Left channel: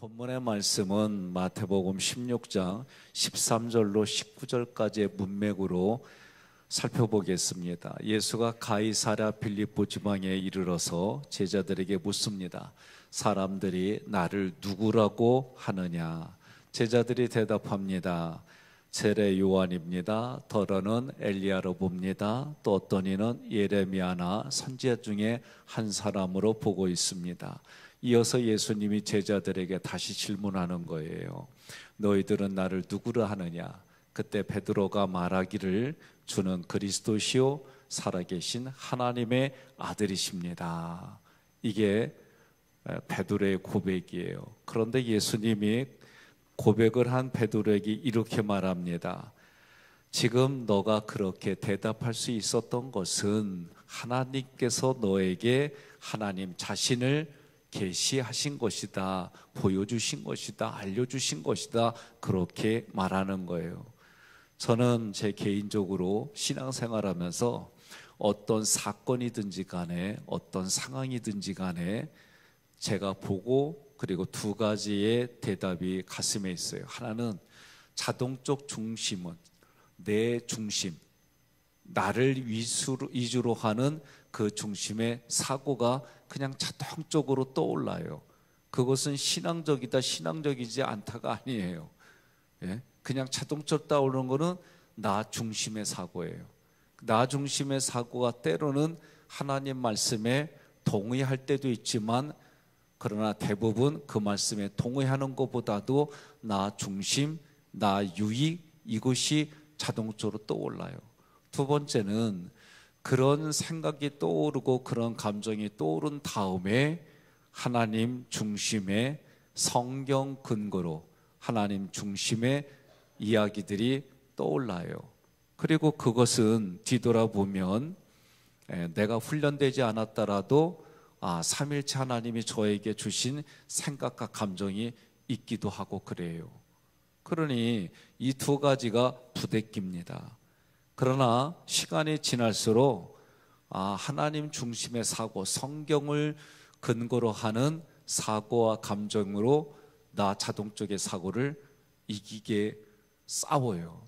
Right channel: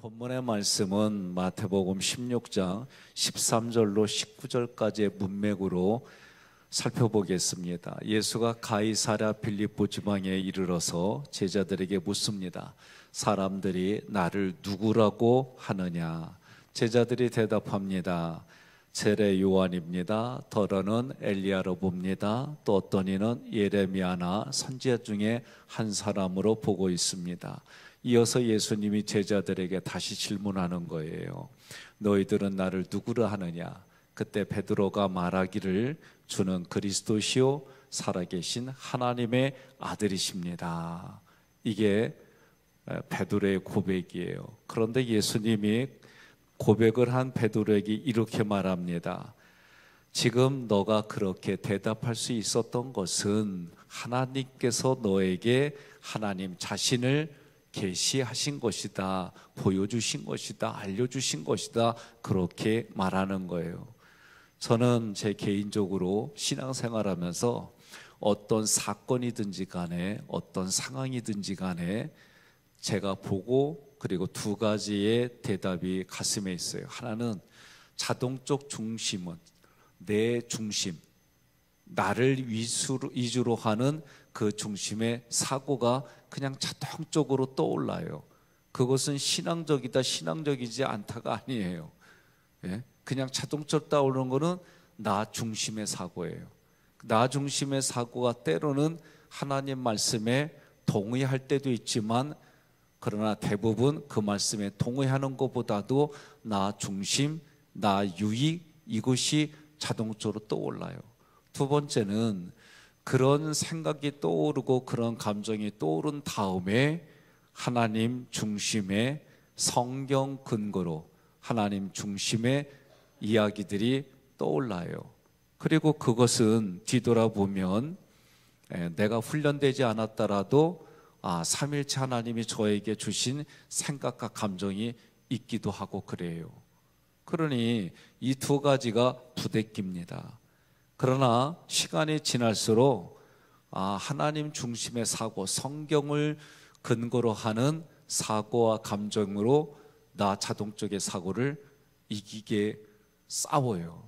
본문의 말씀은 마태복음 16장 13절로 19절까지의 문맥으로 살펴보겠습니다. 예수가 가이사랴 빌립보 지방에 이르러서 제자들에게 묻습니다. 사람들이 나를 누구라고 하느냐? 제자들이 대답합니다. 세례 요한입니다. 더러는 엘리야로 봅니다. 또 어떤 이는 예레미야나 선지자 중에 한 사람으로 보고 있습니다. 이어서 예수님이 제자들에게 다시 질문하는 거예요. 너희들은 나를 누구라 하느냐? 그때 베드로가 말하기를 주는 그리스도시요 살아계신 하나님의 아들이십니다. 이게 베드로의 고백이에요. 그런데 예수님이 고백을 한 베드로에게 이렇게 말합니다. 지금 너가 그렇게 대답할 수 있었던 것은 하나님께서 너에게 하나님 자신을 계시하신 것이다, 보여주신 것이다, 알려주신 것이다, 그렇게 말하는 거예요. 저는 제 개인적으로 신앙생활하면서 어떤 사건이든지 간에 어떤 상황이든지 간에 제가 보고 그리고 두 가지의 대답이 가슴에 있어요. 하나는 자동적 중심은 내 중심, 나를 위주로 하는 그 중심의 사고가 그냥 자동적으로 떠올라요. 그것은 신앙적이다, 신앙적이지 않다가 아니에요. 그냥 자동적으로 떠오르는 거는 나 중심의 사고예요. 나 중심의 사고가 때로는 하나님 말씀에 동의할 때도 있지만 그러나 대부분 그 말씀에 동의하는 것보다도 나 중심, 나 유익, 이것이 자동적으로 떠올라요. 두 번째는 그런 생각이 떠오르고 그런 감정이 떠오른 다음에 하나님 중심의 성경 근거로 하나님 중심의 이야기들이 떠올라요. 그리고 그것은 뒤돌아보면 내가 훈련되지 않았더라도 삼일체 하나님이 저에게 주신 생각과 감정이 있기도 하고 그래요. 그러니 이 두 가지가 부대끼입니다. 그러나 시간이 지날수록 하나님 중심의 사고, 성경을 근거로 하는 사고와 감정으로 나 자동적의 사고를 이기게 싸워요.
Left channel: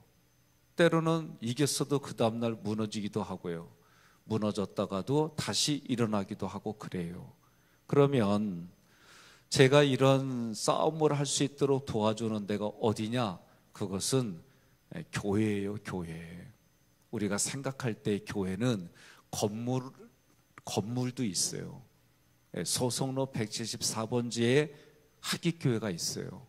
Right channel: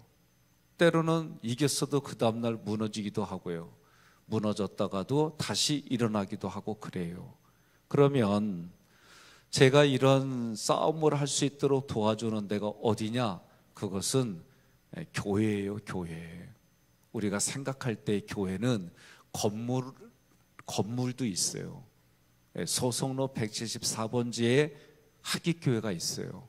때로는 이겼어도 그 다음날 무너지기도 하고요. 무너졌다가도 다시 일어나기도 하고 그래요. 그러면 제가 이런 싸움을 할 수 있도록 도와주는 데가 어디냐? 그것은 교회예요, 교회. 우리가 생각할 때 교회는 건물도 있어요. 소송로 174번지에 하기교회가 있어요.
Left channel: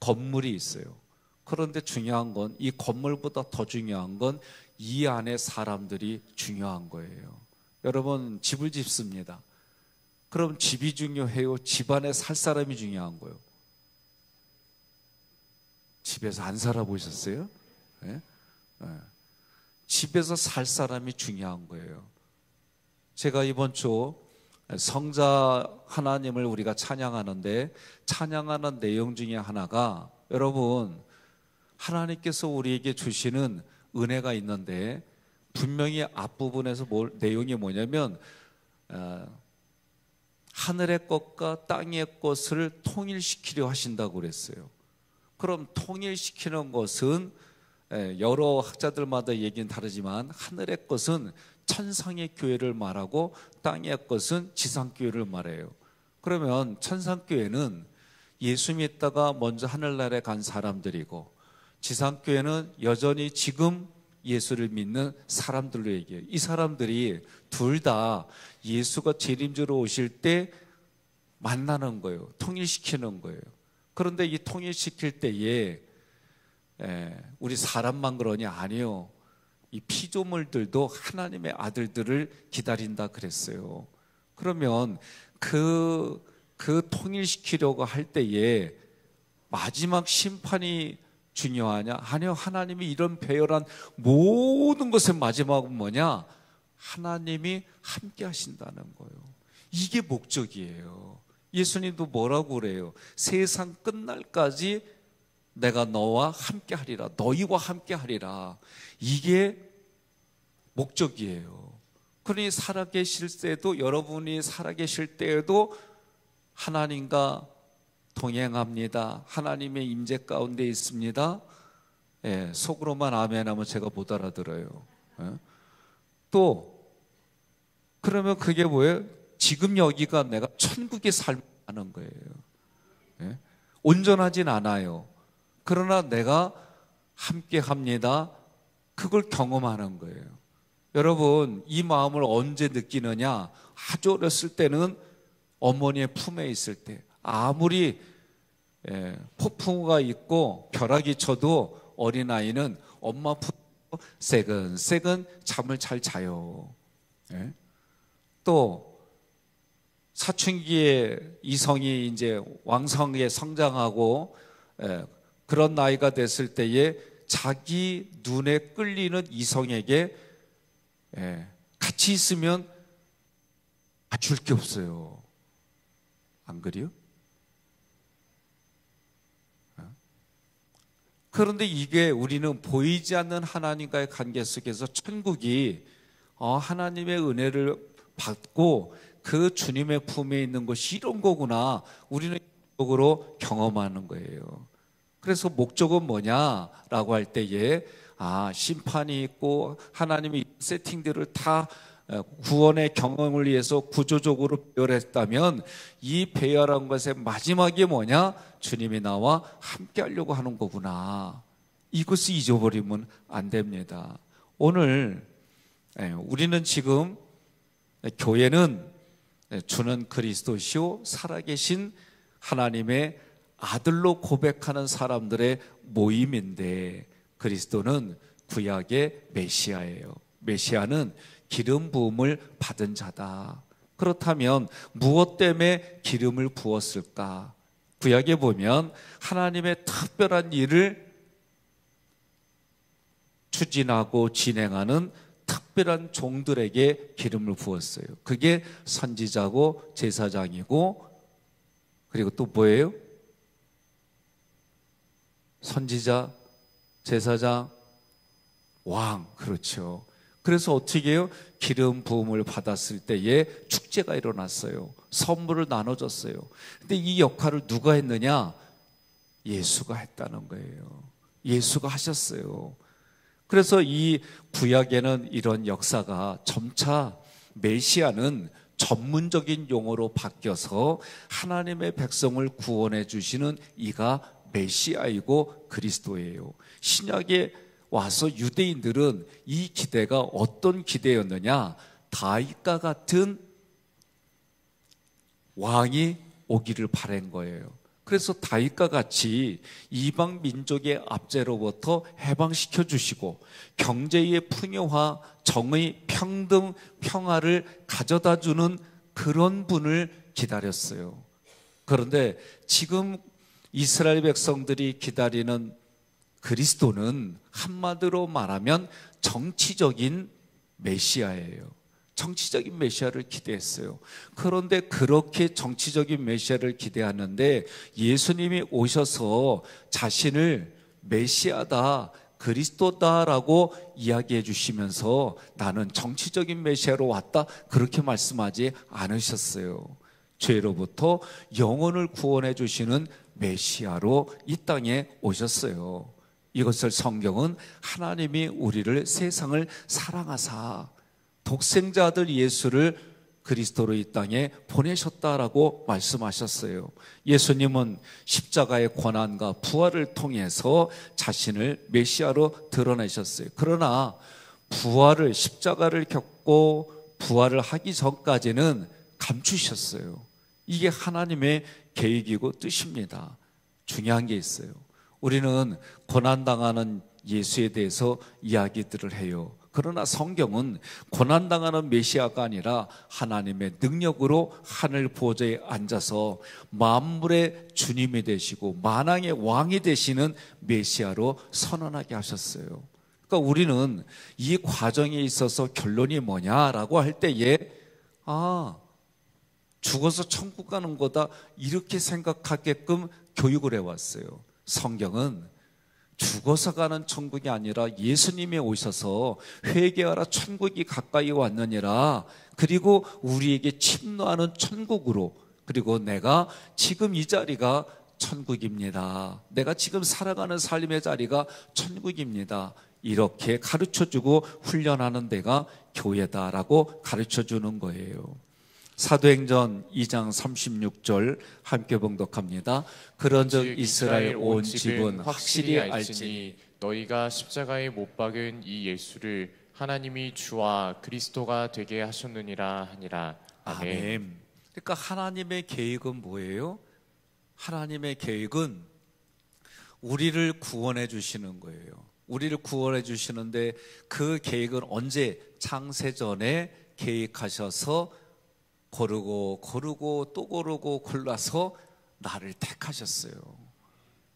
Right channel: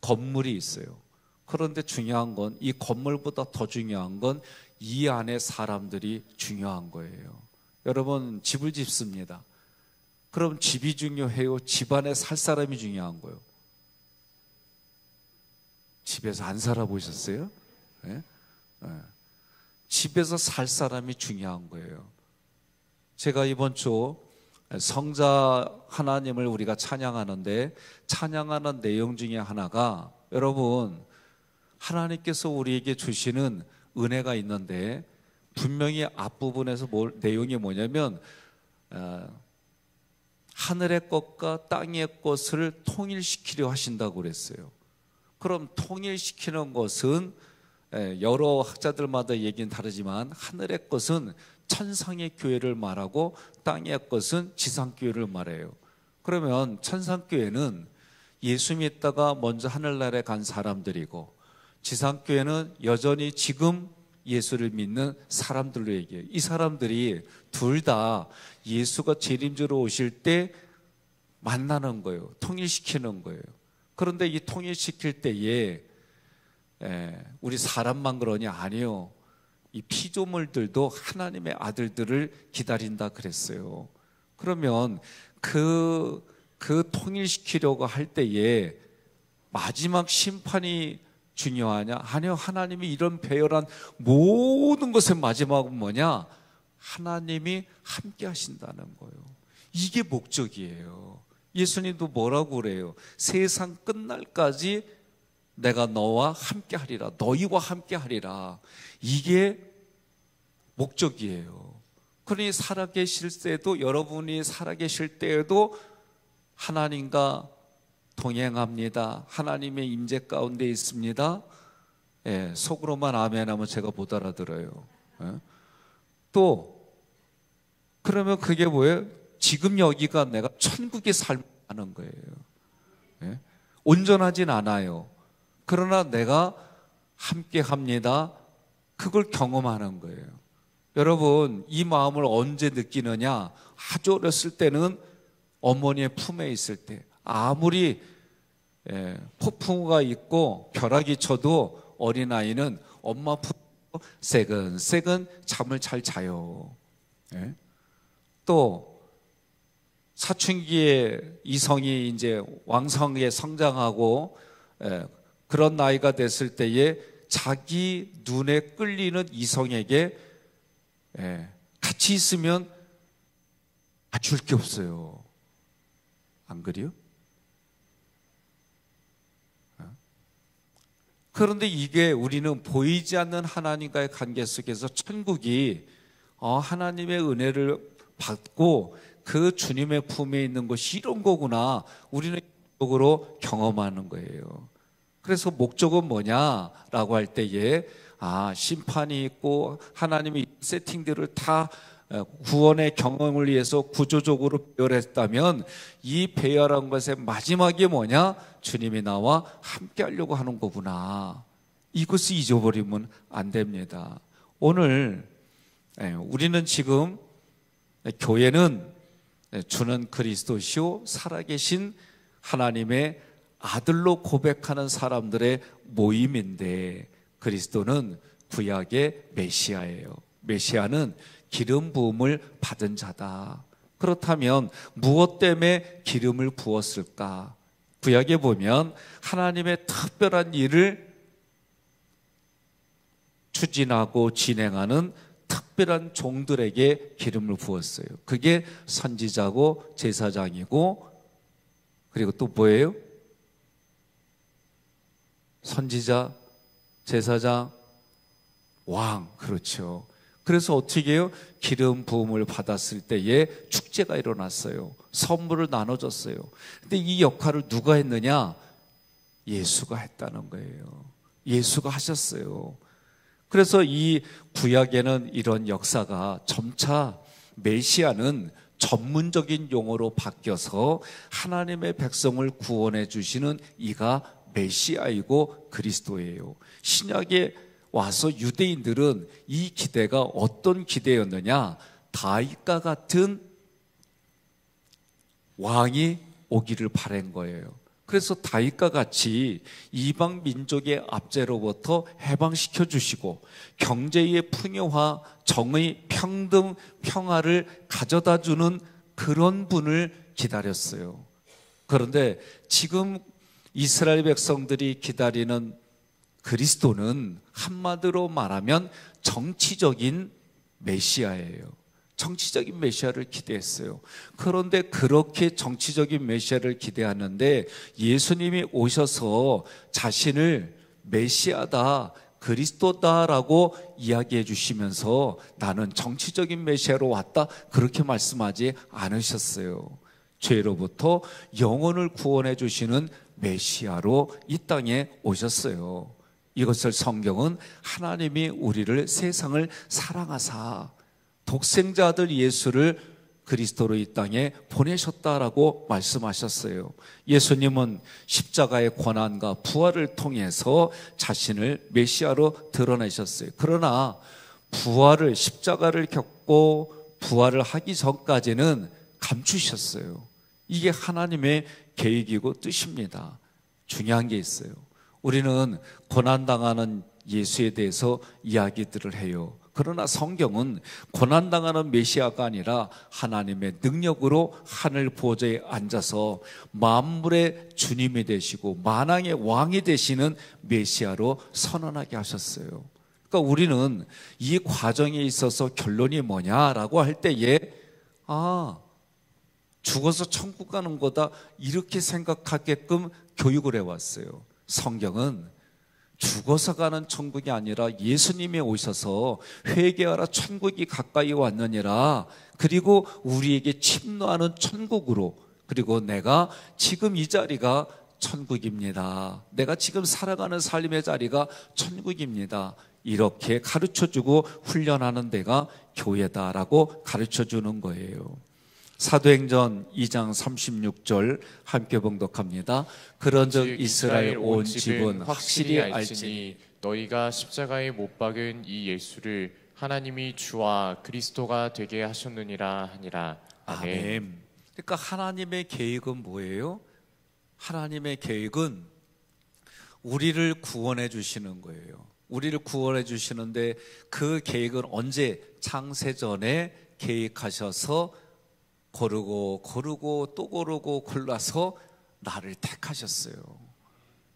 건물이 있어요. 그런데 중요한 건 이 건물보다 더 중요한 건 이 안에 사람들이 중요한 거예요. 여러분 집을 짓습니다. 그럼 집이 중요해요? 집 안에 살 사람이 중요한 거예요? 집에서 안 살아보셨어요? 집에서 살 사람이 중요한 거예요. 제가 이번 주 성자 하나님을 우리가 찬양하는데 찬양하는 내용 중에 하나가 여러분 하나님께서 우리에게 주시는 은혜가 있는데 분명히 앞부분에서 내용이 뭐냐면 하늘의 것과 땅의 것을 통일시키려 하신다고 그랬어요. 그럼 통일시키는 것은 여러 학자들마다 얘기는 다르지만 하늘의 것은 천상의 교회를 말하고 땅의 것은 지상교회를 말해요. 그러면 천상교회는 예수 믿다가 먼저 하늘나라에 간 사람들이고 지상교회는 여전히 지금 예수를 믿는 사람들로 얘기해요. 이 사람들이 둘 다 예수가 재림주로 오실 때 만나는 거예요. 통일시키는 거예요. 그런데 이 통일시킬 때에 우리 사람만 그러냐? 아니요. 이 피조물들도 하나님의 아들들을 기다린다 그랬어요. 그러면 그 통일시키려고 할 때에 마지막 심판이 중요하냐? 아니요. 하나님이 이런 배열한 모든 것의 마지막은 뭐냐? 하나님이 함께 하신다는 거예요. 이게 목적이에요. 예수님도 뭐라고 그래요? 세상 끝날까지 내가 너와 함께 하리라. 너희와 함께 하리라. 이게 목적이에요. 그러니 살아계실 때도 여러분이 살아계실 때에도 하나님과 동행합니다. 하나님의 임재 가운데 있습니다. 예, 속으로만 아멘하면 제가 못 알아들어요. 예? 또 그러면 그게 뭐예요? 지금 여기가 내가 천국의 삶을 사는 거예요. 예? 온전하진 않아요. 그러나 내가 함께 합니다. 그걸 경험하는 거예요. 여러분, 이 마음을 언제 느끼느냐? 아주 어렸을 때는 어머니의 품에 있을 때, 아무리 폭풍우가 있고 벼락이 쳐도 어린아이는 엄마 품에 새근새근 잠을 잘 자요. 예? 또 사춘기에 이성이 이제 왕성하게 성장하고 그런 나이가 됐을 때에 자기 눈에 끌리는 이성에게 같이 있으면 줄 게 없어요. 안 그래요? 그런데 이게 우리는 보이지 않는 하나님과의 관계 속에서 천국이 하나님의 은혜를 받고 그 주님의 품에 있는 것이 이런 거구나, 우리는 목적으로 경험하는 거예요. 그래서 목적은 뭐냐라고 할 때에 심판이 있고 하나님이 세팅들을 다 구원의 경험을 위해서 구조적으로 배열했다면 이 배열한 것의 마지막이 뭐냐? 주님이 나와 함께 하려고 하는 거구나. 이것을 잊어버리면 안 됩니다. 오늘 우리는 지금 교회는 주는 그리스도시요 살아계신 하나님의 아들로 고백하는 사람들의 모임인데, 그리스도는 구약의 메시아예요. 메시아는 기름 부음을 받은 자다. 그렇다면 무엇 때문에 기름을 부었을까? 구약에 보면 하나님의 특별한 일을 추진하고 진행하는 특별한 종들에게 기름을 부었어요. 그게 선지자고 제사장이고, 그리고 또 뭐예요? 선지자, 제사장, 왕. 그렇죠. 그래서 어떻게 해요? 기름 부음을 받았을 때에 축제가 일어났어요. 선물을 나눠줬어요. 근데 이 역할을 누가 했느냐? 예수가 했다는 거예요. 예수가 하셨어요. 그래서 이 구약에는 이런 역사가 점차 메시아는 전문적인 용어로 바뀌어서 하나님의 백성을 구원해 주시는 이가 메시아이고 그리스도예요. 신약에 와서 유대인들은 이 기대가 어떤 기대였느냐? 다윗과 같은 왕이 오기를 바란 거예요. 그래서 다윗과 같이 이방 민족의 압제로부터 해방시켜 주시고 경제의 풍요화, 정의, 평등, 평화를 가져다 주는 그런 분을 기다렸어요. 그런데 지금 이스라엘 백성들이 기다리는 그리스도는 한마디로 말하면 정치적인 메시아예요. 정치적인 메시아를 기대했어요. 그런데 그렇게 정치적인 메시아를 기대하는데 예수님이 오셔서 자신을 메시아다, 그리스도다라고 이야기해 주시면서 나는 정치적인 메시아로 왔다, 그렇게 말씀하지 않으셨어요. 죄로부터 영혼을 구원해 주시는 메시아로 이 땅에 오셨어요. 이것을 성경은 하나님이 우리를 세상을 사랑하사 독생자 아들 예수를 그리스도로 이 땅에 보내셨다라고 말씀하셨어요. 예수님은 십자가의 고난과 부활을 통해서 자신을 메시아로 드러내셨어요. 그러나 부활을, 십자가를 겪고 부활을 하기 전까지는 감추셨어요. 이게 하나님의 계획이고 뜻입니다. 중요한 게 있어요. 우리는 고난당하는 예수에 대해서 이야기들을 해요. 그러나 성경은 고난당하는 메시아가 아니라 하나님의 능력으로 하늘 보좌에 앉아서 만물의 주님이 되시고 만왕의 왕이 되시는 메시아로 선언하게 하셨어요. 그러니까 우리는 이 과정에 있어서 결론이 뭐냐라고 할 때에 죽어서 천국 가는 거다, 이렇게 생각하게끔 교육을 해왔어요. 성경은 죽어서 가는 천국이 아니라 예수님이 오셔서 회개하라 천국이 가까이 왔느니라, 그리고 우리에게 침노하는 천국으로, 그리고 내가 지금 이 자리가 천국입니다. 내가 지금 살아가는 삶의 자리가 천국입니다. 이렇게 가르쳐주고 훈련하는 데가 교회다라고 가르쳐주는 거예요. 사도행전 2장 36절 함께 봉독합니다. 그런즉 이스라엘 온 집은 확실히 알지니 너희가 십자가에 못 박은 이 예수를 하나님이 주와 그리스도가 되게 하셨느니라 하니라. 아멘. 그러니까 하나님의 계획은 뭐예요? 하나님의 계획은 우리를 구원해 주시는 거예요. 우리를 구원해 주시는데 그 계획은 언제? 창세전에 계획하셔서 고르고 또 고르고 골라서 나를 택하셨어요.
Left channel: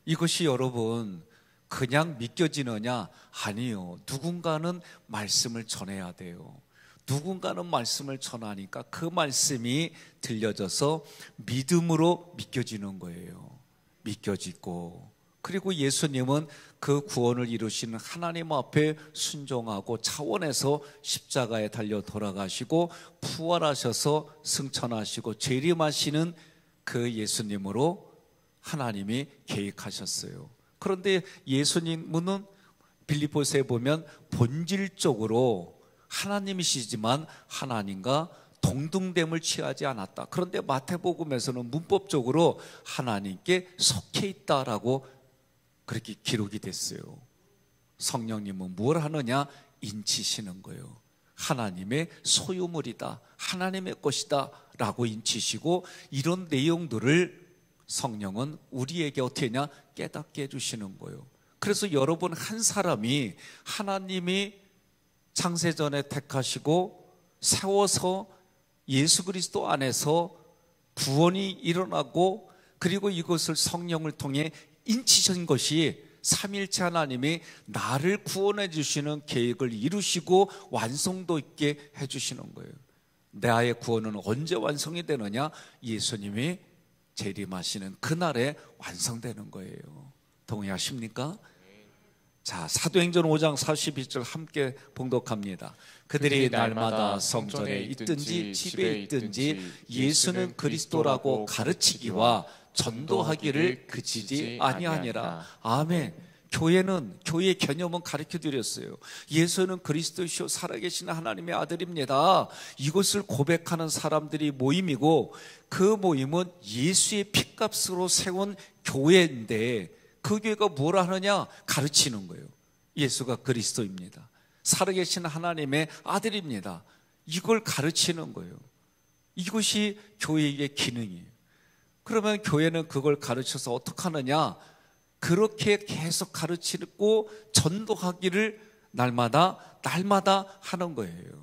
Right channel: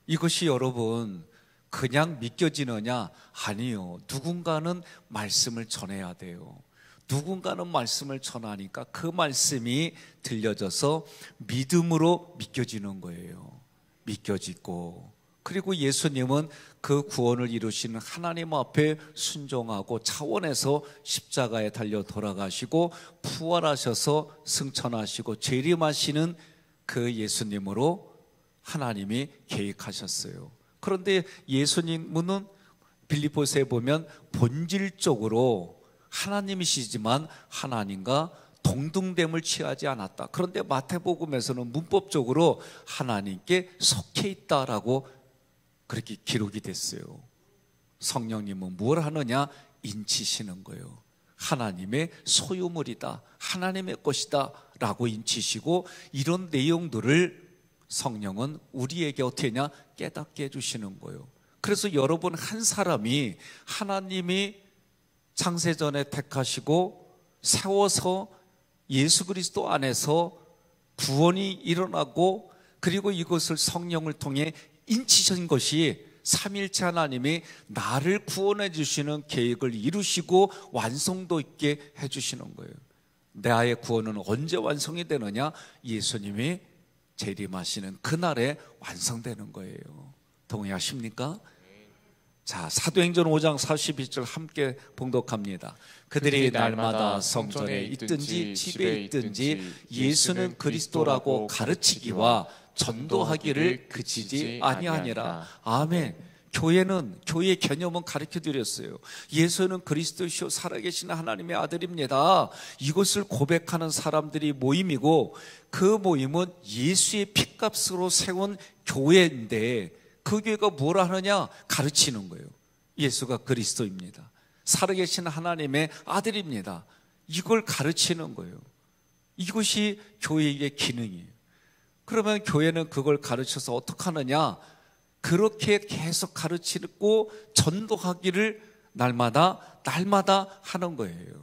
이것이 여러분 그냥 믿겨지느냐? 아니요. 누군가는 말씀을 전해야 돼요. 누군가는 말씀을 전하니까 그 말씀이 들려져서 믿음으로 믿겨지는 거예요. 믿겨지고, 그리고 예수님은 그 구원을 이루시는 하나님 앞에 순종하고 차원에서 십자가에 달려 돌아가시고 부활하셔서 승천하시고 재림하시는 그 예수님으로 하나님이 계획하셨어요. 그런데 예수님은 빌립보서에 보면 본질적으로 하나님이시지만 하나님과 동등됨을 취하지 않았다. 그런데 마태복음에서는 문법적으로 하나님께 속해 있다라고 그렇게 기록이 됐어요. 성령님은 뭘 하느냐? 인치시는 거예요. 하나님의 소유물이다, 하나님의 것이다 라고 인치시고, 이런 내용들을 성령은 우리에게 어떻게 하냐? 깨닫게 해주시는 거예요. 그래서 여러분 한 사람이 하나님이 창세전에 택하시고 세워서 예수 그리스도 안에서 구원이 일어나고, 그리고 이것을 성령을 통해 인치신 것이 삼일체 하나님이 나를 구원해 주시는 계획을 이루시고 완성도 있게 해주시는 거예요. 나의 구원은 언제 완성이 되느냐? 예수님이 재림하시는 그날에 완성되는 거예요. 동의하십니까? 자, 사도행전 5장 42절 함께 봉독합니다. 그들이 날마다 성전에 있든지 집에 있든지 예수는 그리스도라고 가르치기와 전도하기를 그치지 아니하니라. 아멘. 교회의 개념은 가르쳐 드렸어요. 예수는 그리스도시요 살아계신 하나님의 아들입니다. 이것을 고백하는 사람들이 모임이고, 그 모임은 예수의 핏값으로 세운 교회인데, 그 교회가 뭘 하느냐? 가르치는 거예요. 예수가 그리스도입니다. 살아계신 하나님의 아들입니다. 이걸 가르치는 거예요. 이것이 교회의 기능이에요. 그러면 교회는 그걸 가르쳐서 어떻게 하느냐? 그렇게 계속 가르치고 전도하기를 날마다 하는 거예요.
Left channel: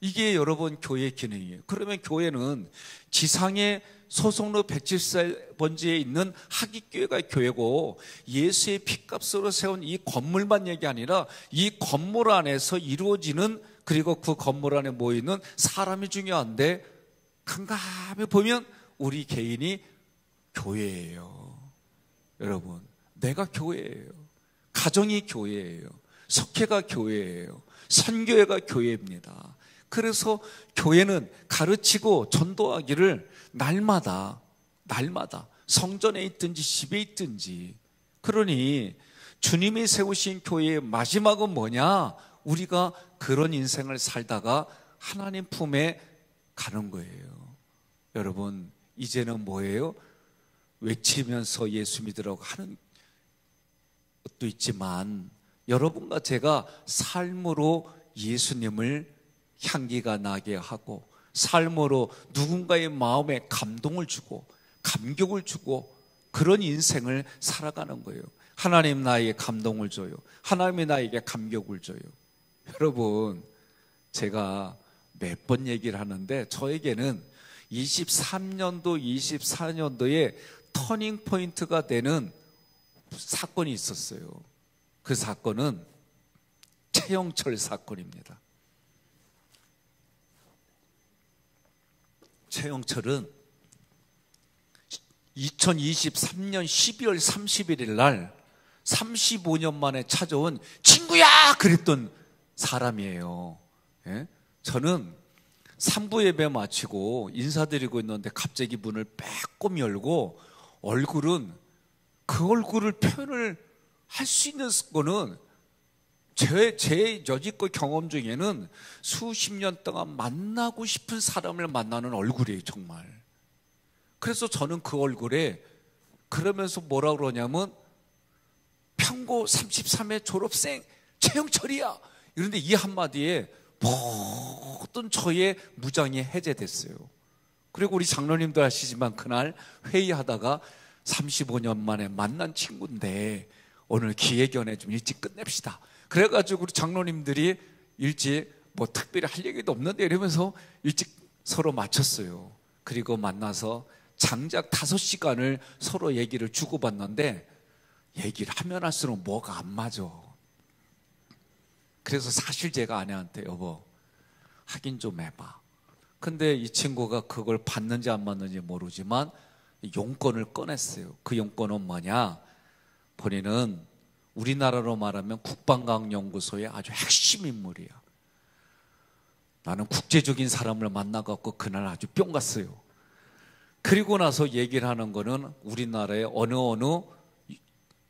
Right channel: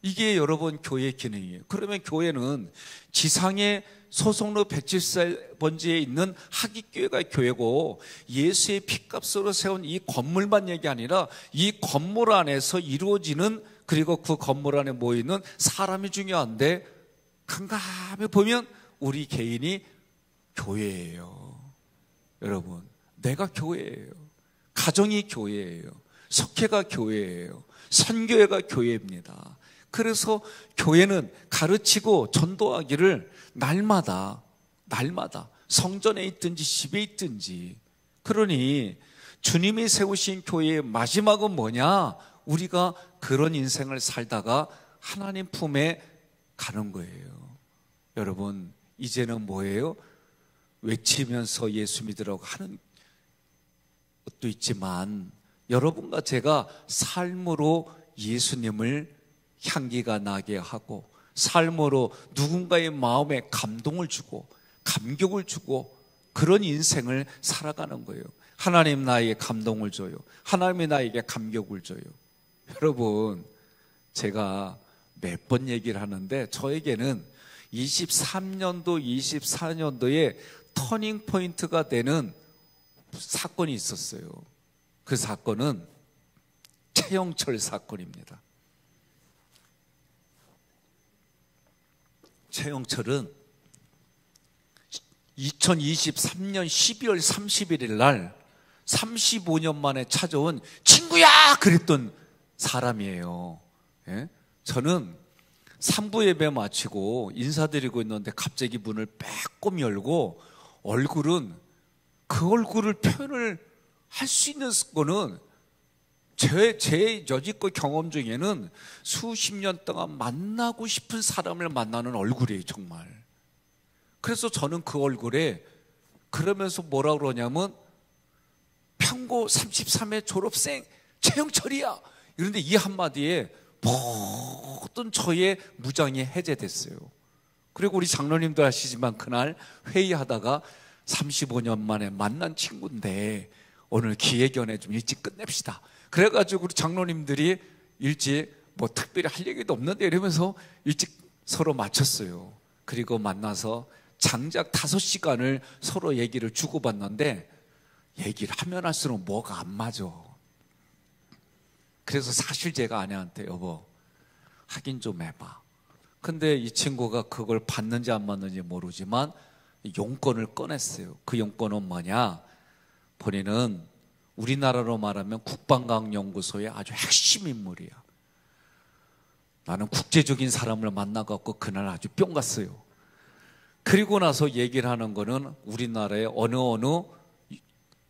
이게 여러분 교회의 기능이에요. 그러면 교회는 지상의 소속로 174번지에 있는 하깃교회가 교회고, 예수의 핏값으로 세운 이 건물만 얘기 아니라 이 건물 안에서 이루어지는, 그리고 그 건물 안에 모이는 사람이 중요한데, 캄캄히 보면 우리 개인이 교회예요. 여러분, 내가 교회예요. 가정이 교회예요. 석회가 교회예요. 선교회가 교회입니다. 그래서 교회는 가르치고 전도하기를 날마다 성전에 있든지 집에 있든지. 그러니 주님이 세우신 교회의 마지막은 뭐냐? 우리가 그런 인생을 살다가 하나님 품에 가는 거예요. 여러분, 이제는 뭐예요? 외치면서 예수 믿으라고 하는 것도 있지만, 여러분과 제가 삶으로 예수님을 향기가 나게 하고, 삶으로 누군가의 마음에 감동을 주고 감격을 주고, 그런 인생을 살아가는 거예요. 하나님 나에게 감동을 줘요. 하나님이 나에게 감격을 줘요. 여러분, 제가 몇 번 얘기를 하는데, 저에게는 23년도, 24년도에 터닝 포인트가 되는 사건이 있었어요. 그 사건은 최영철 사건입니다. 최영철은 2023년 12월 31일 날 35년 만에 찾아온 친구야! 그랬던 사람이에요. 예? 저는 3부 예배 마치고 인사드리고 있는데 갑자기 문을 빼꼼 열고 얼굴은 그 얼굴을 표현을 할 수 있는 거는 제 여지껏 경험 중에는 수십 년 동안 만나고 싶은 사람을 만나는 얼굴이에요, 정말. 그래서 저는 그 얼굴에 그러면서 뭐라 그러냐면 평고 33회 졸업생 최영철이야. 이런데 이 한마디에 모든 저의 무장이 해제됐어요. 그리고 우리 장로님들 아시지만 그날 회의하다가 35년 만에 만난 친구인데 오늘 기획연에 좀 일찍 끝냅시다. 그래가지고 우리 장로님들이 일찍 뭐 특별히 할 얘기도 없는데 이러면서 일찍 서로 마쳤어요. 그리고 만나서 장작 5시간을 서로 얘기를 주고받는데 얘기를 하면 할수록 뭐가 안 맞아. 그래서 사실 제가 아내한테 여보 확인 좀 해봐. 근데 이 친구가 그걸 받는지 안 받는지 모르지만 용건을 꺼냈어요. 그 용건은 뭐냐? 본인은 우리나라로 말하면 국방과학연구소의 아주 핵심 인물이야. 나는 국제적인 사람을 만나갖고 그날 아주 뿅 갔어요. 그리고 나서 얘기를 하는 거는 우리나라의 어느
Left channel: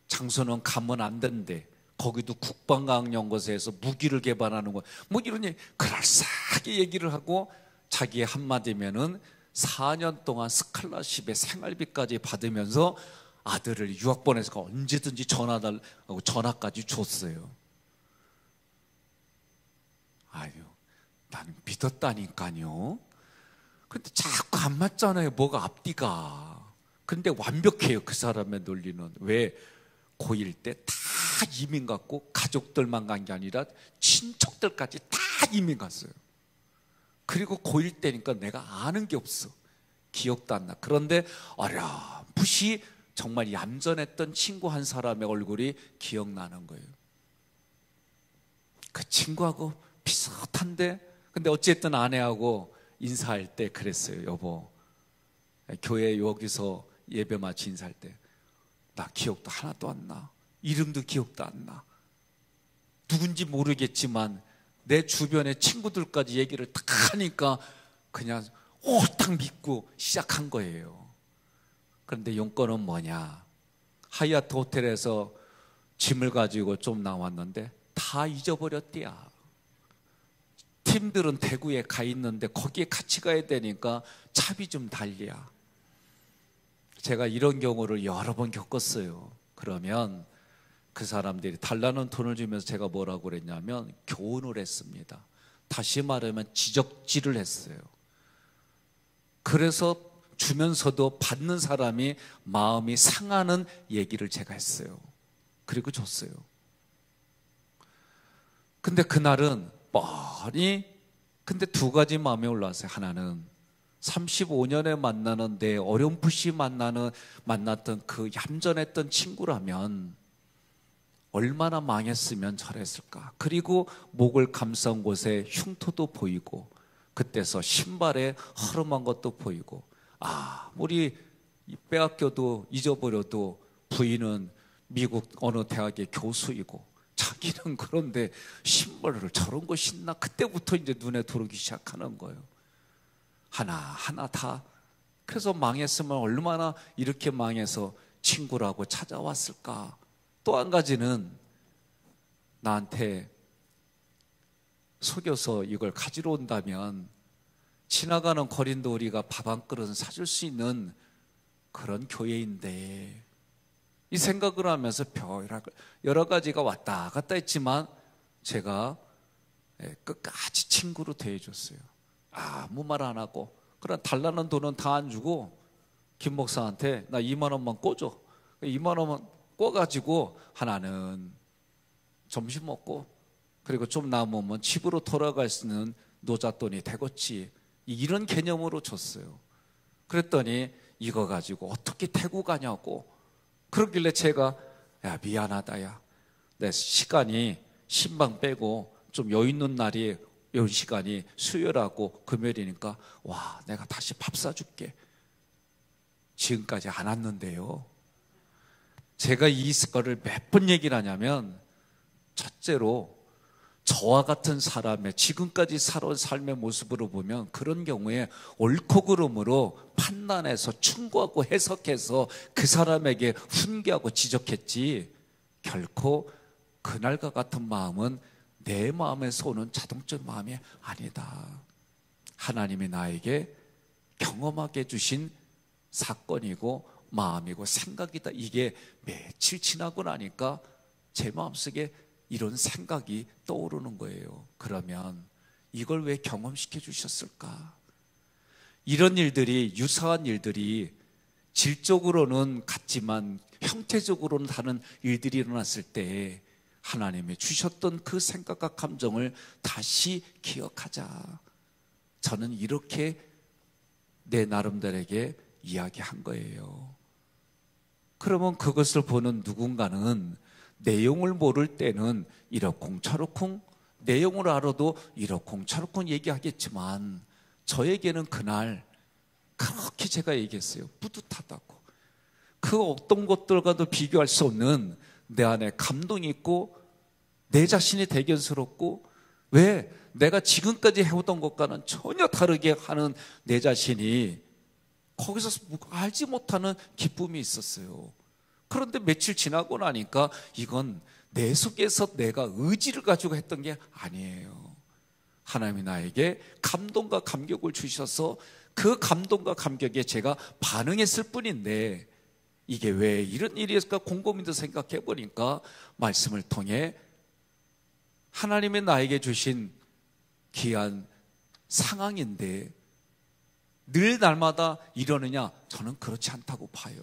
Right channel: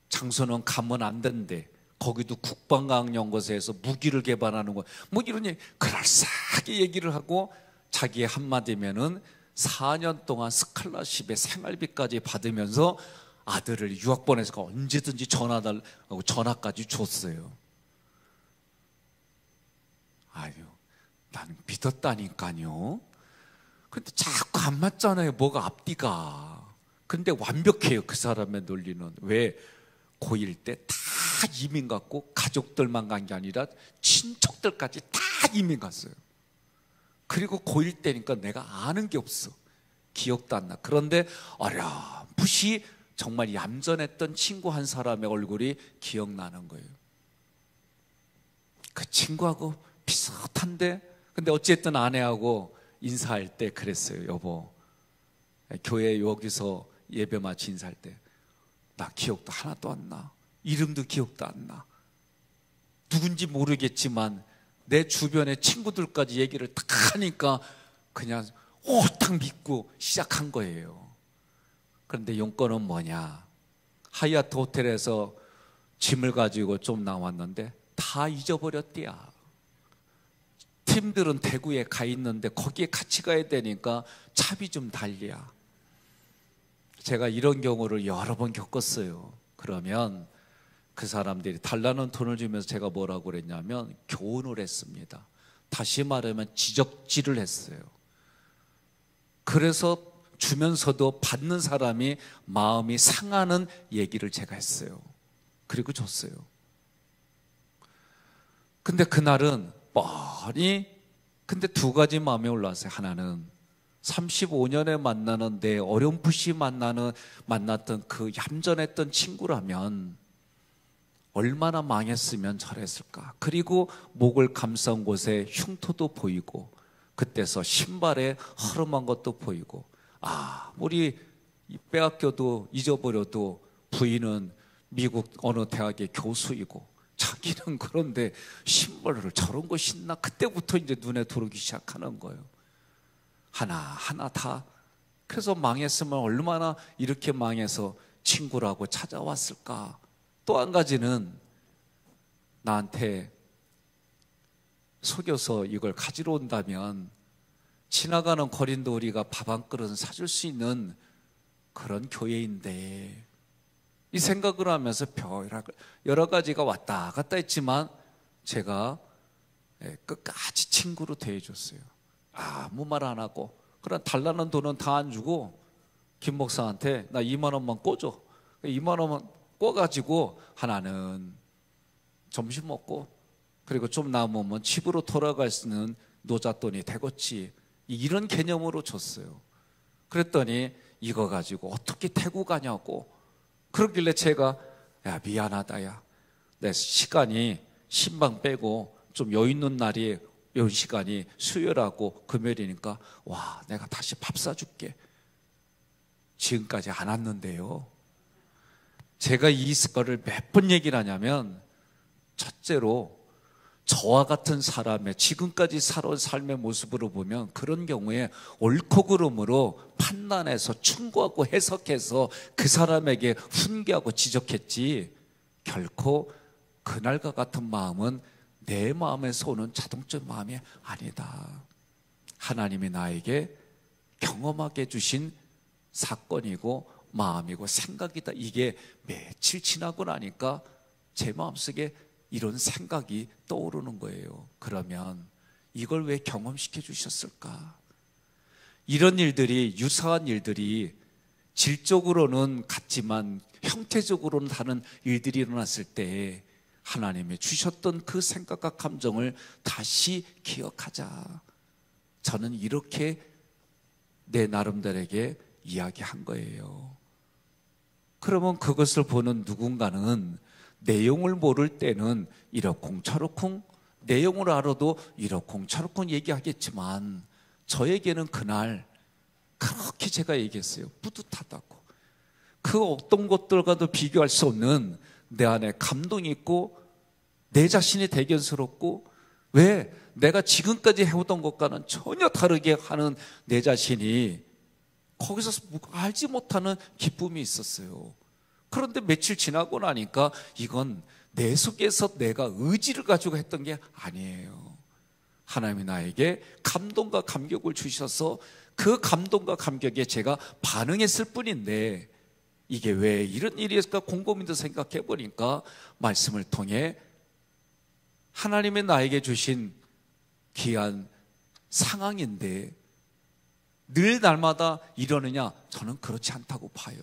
장소는 가면 안 된대. 거기도 국방과학연구소에서 무기를 개발하는 거. 뭐 이런 얘기, 그럴싸하게 얘기를 하고 자기의 한마디면은 4년 동안 스칼라십의 생활비까지 받으면서 아들을 유학 보내서 언제든지 전화달라고 전화까지 줬어요. 아유, 나는 믿었다니까요. 근데 자꾸 안 맞잖아요. 뭐가 앞뒤가. 근데 완벽해요. 그 사람의 논리는. 왜? 고1 때 다 이민 갔고 가족들만 간 게 아니라 친척들까지 다 이민 갔어요. 그리고 고1 때니까 내가 아는 게 없어. 기억도 안 나. 그런데 어렴풋이 정말 얌전했던 친구 한 사람의 얼굴이 기억나는 거예요. 그 친구하고 비슷한데, 근데 어쨌든 아내하고 인사할 때 그랬어요. 여보, 교회 여기서 예배 마치 인사할 때 나 기억도 하나도 안 나. 이름도 기억도 안 나. 누군지 모르겠지만 내 주변의 친구들까지 얘기를 딱 하니까 그냥 딱 믿고 시작한 거예요. 그런데 용건은 뭐냐? 하얏트 호텔에서 짐을 가지고 좀 나왔는데 다 잊어버렸대야. 팀들은 대구에 가 있는데 거기에 같이 가야 되니까 차비 좀 달리야. 제가 이런 경우를 여러 번 겪었어요. 그러면 그 사람들이 달라는 돈을 주면서 제가 뭐라고 그랬냐면 교훈을 했습니다. 다시 말하면 지적질을 했어요. 그래서 주면서도 받는 사람이 마음이 상하는 얘기를 제가 했어요. 그리고 줬어요. 근데 그날은 뻔히 근데 두 가지 마음이 올라왔어요. 하나는 35년에 만나는 내 어렴풋이 만났던 그 얌전했던 친구라면 얼마나 망했으면 잘했을까. 그리고 목을 감싼 곳에 흉터도 보이고 그때서 신발에 허름한 것도 보이고 우리 빼앗겨도 잊어버려도 부인은 미국 어느 대학의 교수이고 자기는 그런데 신발을 저런 거 신나. 그때부터 이제 눈에 들어오기 시작하는 거예요. 하나하나 다. 그래서 망했으면 얼마나 이렇게 망해서 친구라고 찾아왔을까. 또 한 가지는 나한테 속여서 이걸 가지러 온다면 지나가는 거린도 우리가 밥 한 그릇은 사줄 수 있는 그런 교회인데, 이 생각을 하면서 여러 가지가 왔다 갔다 했지만 제가 끝까지 친구로 대해줬어요. 아무 말 안 하고 그래 달라는 돈은 다 안 주고 김 목사한테 나 2만 원만 꿔줘. 2만 원만 꿔가지고 하나는 점심 먹고 그리고 좀 남으면 집으로 돌아갈 수 있는 노잣돈이 되겠지. 이런 개념으로 줬어요. 그랬더니 이거 가지고 어떻게 태국 가냐고. 그러길래 제가 미안하다 야. 내 시간이 신방 빼고 좀 여유 있는 날이 이 시간이 수요일하고 금요일이니까 내가 다시 밥 사줄게. 지금까지 안 왔는데요. 제가 이 거를 몇 번 얘기를 하냐면 첫째로 저와 같은 사람의 지금까지 살아온 삶의 모습으로 보면 그런 경우에 옳고 그름으로 판단해서 충고하고 해석해서 그 사람에게 훈계하고 지적했지, 결코 그날과 같은 마음은 내 마음에서 오는 자동적 마음이 아니다. 하나님이 나에게 경험하게 해주신 사건이고 마음이고 생각이다. 이게 며칠 지나고 나니까 제 마음속에 이런 생각이 떠오르는 거예요. 그러면 이걸 왜 경험시켜 주셨을까? 이런 일들이, 유사한 일들이 질적으로는 같지만 형태적으로는 다른 일들이 일어났을 때 하나님이 주셨던 그 생각과 감정을 다시 기억하자. 저는 이렇게 내 나름대로에게 이야기한 거예요. 그러면 그것을 보는 누군가는 내용을 모를 때는 이러쿵저러쿵, 내용을 알아도 이러쿵저러쿵 얘기하겠지만 저에게는 그날 그렇게 제가 얘기했어요. 뿌듯하다고. 그 어떤 것들과도 비교할 수 없는 내 안에 감동이 있고 내 자신이 대견스럽고, 왜 내가 지금까지 해오던 것과는 전혀 다르게 하는 내 자신이 거기서 알지 못하는 기쁨이 있었어요. 그런데 며칠 지나고 나니까 이건 내 속에서 내가 의지를 가지고 했던 게 아니에요. 하나님이 나에게 감동과 감격을 주셔서 그 감동과 감격에 제가 반응했을 뿐인데 이게 왜 이런 일이 있을까 곰곰이도 생각해 보니까 말씀을 통해 하나님의 나에게 주신 귀한 상황인데 늘 날마다 이러느냐? 저는 그렇지 않다고 봐요.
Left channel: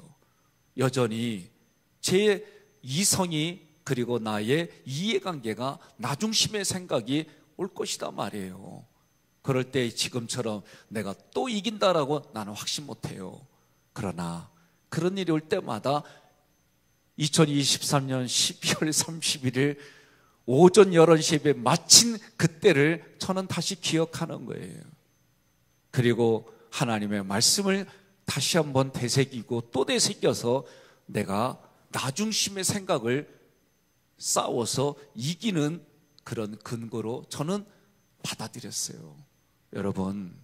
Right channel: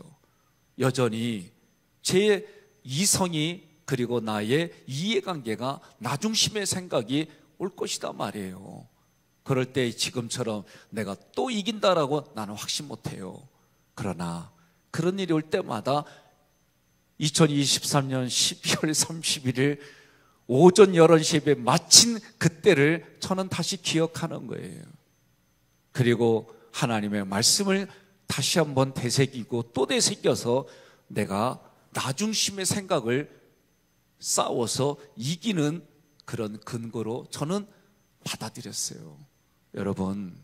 여전히 제 이성이 그리고 나의 이해관계가 나중심의 생각이 올 것이다 말이에요. 그럴 때 지금처럼 내가 또 이긴다라고 나는 확신 못해요. 그러나 그런 일이 올 때마다 2023년 12월 31일 오전 11시에 마친 그때를 저는 다시 기억하는 거예요. 그리고 하나님의 말씀을 다시 한번 되새기고 또 되새겨서 내가 나중심의 생각을 싸워서 이기는 그런 근거로 저는 받아들였어요. 여러분,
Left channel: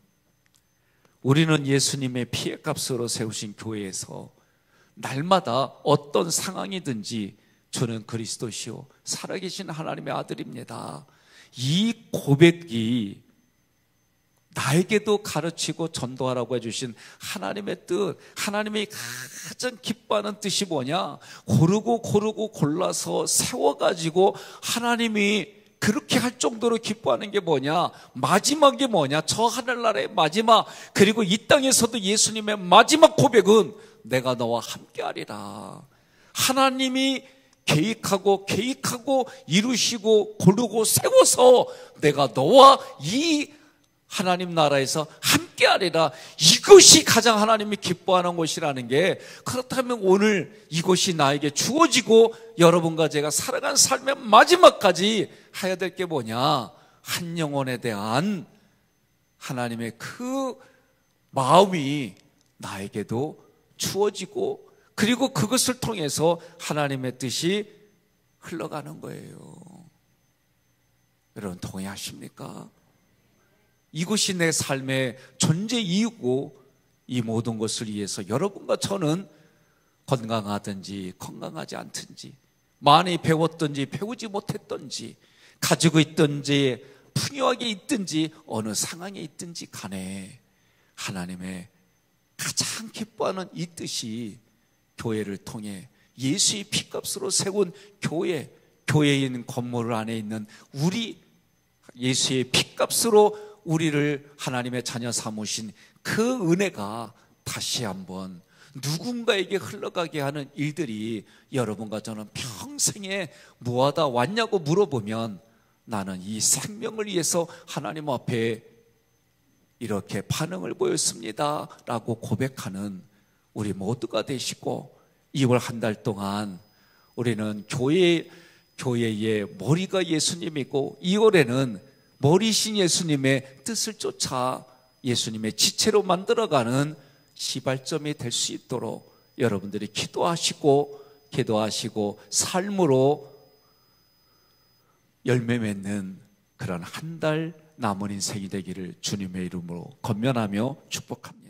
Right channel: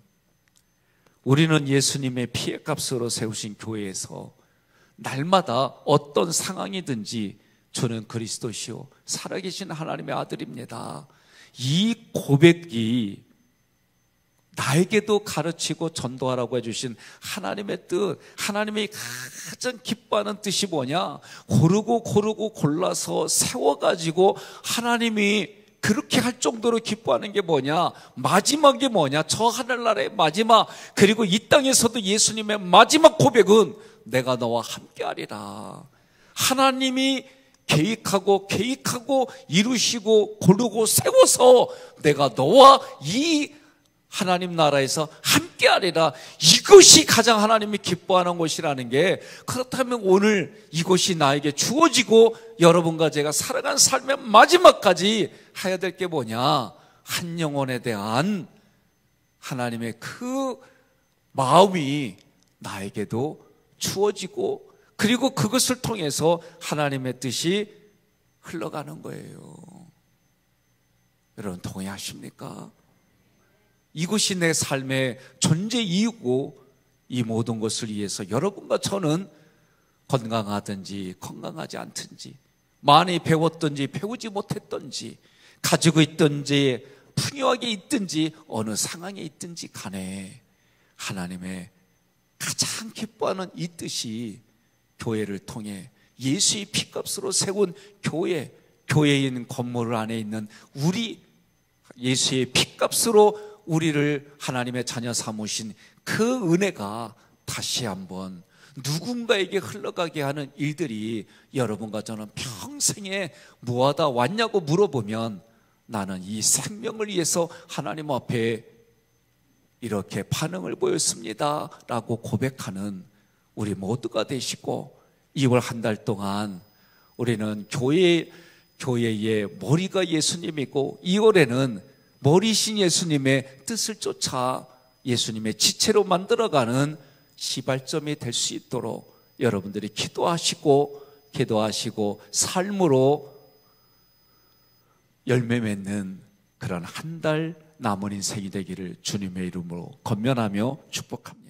우리는 예수님의 피의 값으로 세우신 교회에서 날마다 어떤 상황이든지 저는 그리스도시요 살아계신 하나님의 아들입니다. 이 고백이 나에게도 가르치고 전도하라고 해주신 하나님의 뜻, 하나님이 가장 기뻐하는 뜻이 뭐냐? 고르고 골라서 세워가지고 하나님이 그렇게 할 정도로 기뻐하는 게 뭐냐? 마지막이 뭐냐? 저 하늘나라의 마지막, 그리고 이 땅에서도 예수님의 마지막 고백은 내가 너와 함께하리라. 하나님이 계획하고 이루시고 고르고 세워서 내가 너와 이 하나님 나라에서 함께하리라. 이것이 가장 하나님이 기뻐하는 것이라는 게, 그렇다면 오늘 이것이 나에게 주어지고 여러분과 제가 살아간 삶의 마지막까지 해야 될 게 뭐냐? 한 영혼에 대한 하나님의 그 마음이 나에게도 주어지고, 그리고 그것을 통해서 하나님의 뜻이 흘러가는 거예요. 여러분 동의하십니까? 이것이 내 삶의 존재 이유고, 이 모든 것을 위해서 여러분과 저는 건강하든지 건강하지 않든지, 많이 배웠든지 배우지 못했든지, 가지고 있든지 풍요하게 있든지 어느 상황에 있든지 간에 하나님의 가장 기뻐하는 이 뜻이 교회를 통해 예수의 피값으로 세운 교회에 있는 건물 안에 있는 우리, 예수의 피값으로 우리를 하나님의 자녀 삼으신 그 은혜가 다시 한번 누군가에게 흘러가게 하는 일들이 여러분과 저는 평생에 뭐하다 왔냐고 물어보면 나는 이 생명을 위해서 하나님 앞에 이렇게 반응을 보였습니다 라고 고백하는 우리 모두가 되시고, 2월 한 달 동안 우리는 교회의 머리가 예수님이고 2월에는 머리신 예수님의 뜻을 쫓아 예수님의 지체로 만들어가는 시발점이 될 수 있도록 여러분들이 기도하시고 삶으로 열매 맺는 그런 한 달 남은 인생이 되기를 주님의 이름으로 건면하며 축복합니다.